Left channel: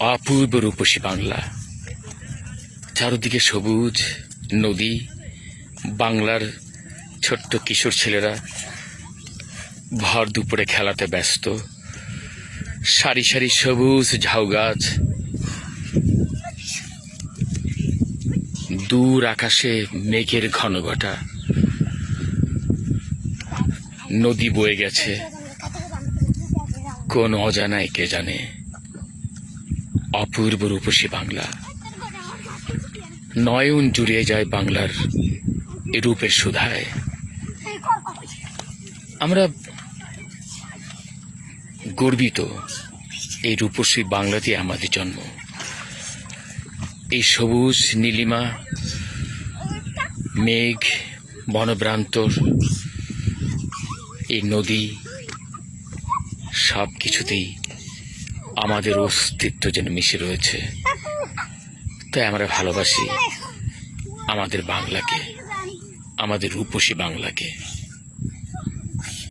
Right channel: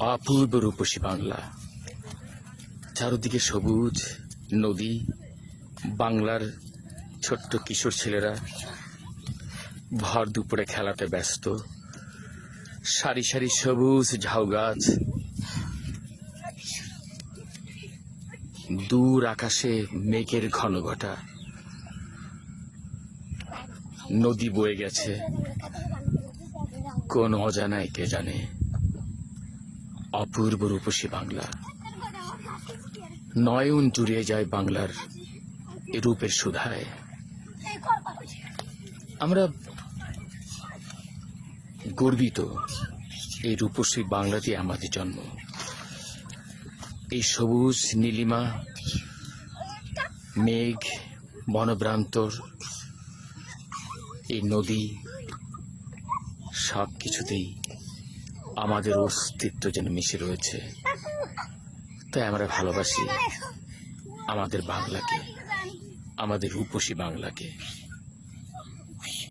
অপূর্ব রূপসী বাংলা, চারদিকে সবুজ নদী, বাংলার ছোট্ট কিশোর ছেলেরা ভর দুপুরে খেলাতে ব্যস্ত, সারি সারি সবুজ ঝাউ গাছ, দূর আকাশে মেঘের ঘনঘটা, নদী বয়ে গেছে কোন অজানায় কে জানে। অপূর্ব রূপসী বাংলা, নয়ন জুড়িয়ে যায় বাংলার এ রূপের সুধায়। আমরা গর্বিত এই রূপসী বাংলাতে আমাদের জন্ম। এই সবুজ নীলিমা, মেঘ, বনপ্রান্তর, এই নদী, সব কিছুতেই আমাদের অস্তিত্ব যেন মিশে রয়েছে। তাই আমরা ভালোবাসি আমাদের বাংলাকে, আমাদের রূপসী বাংলাকে।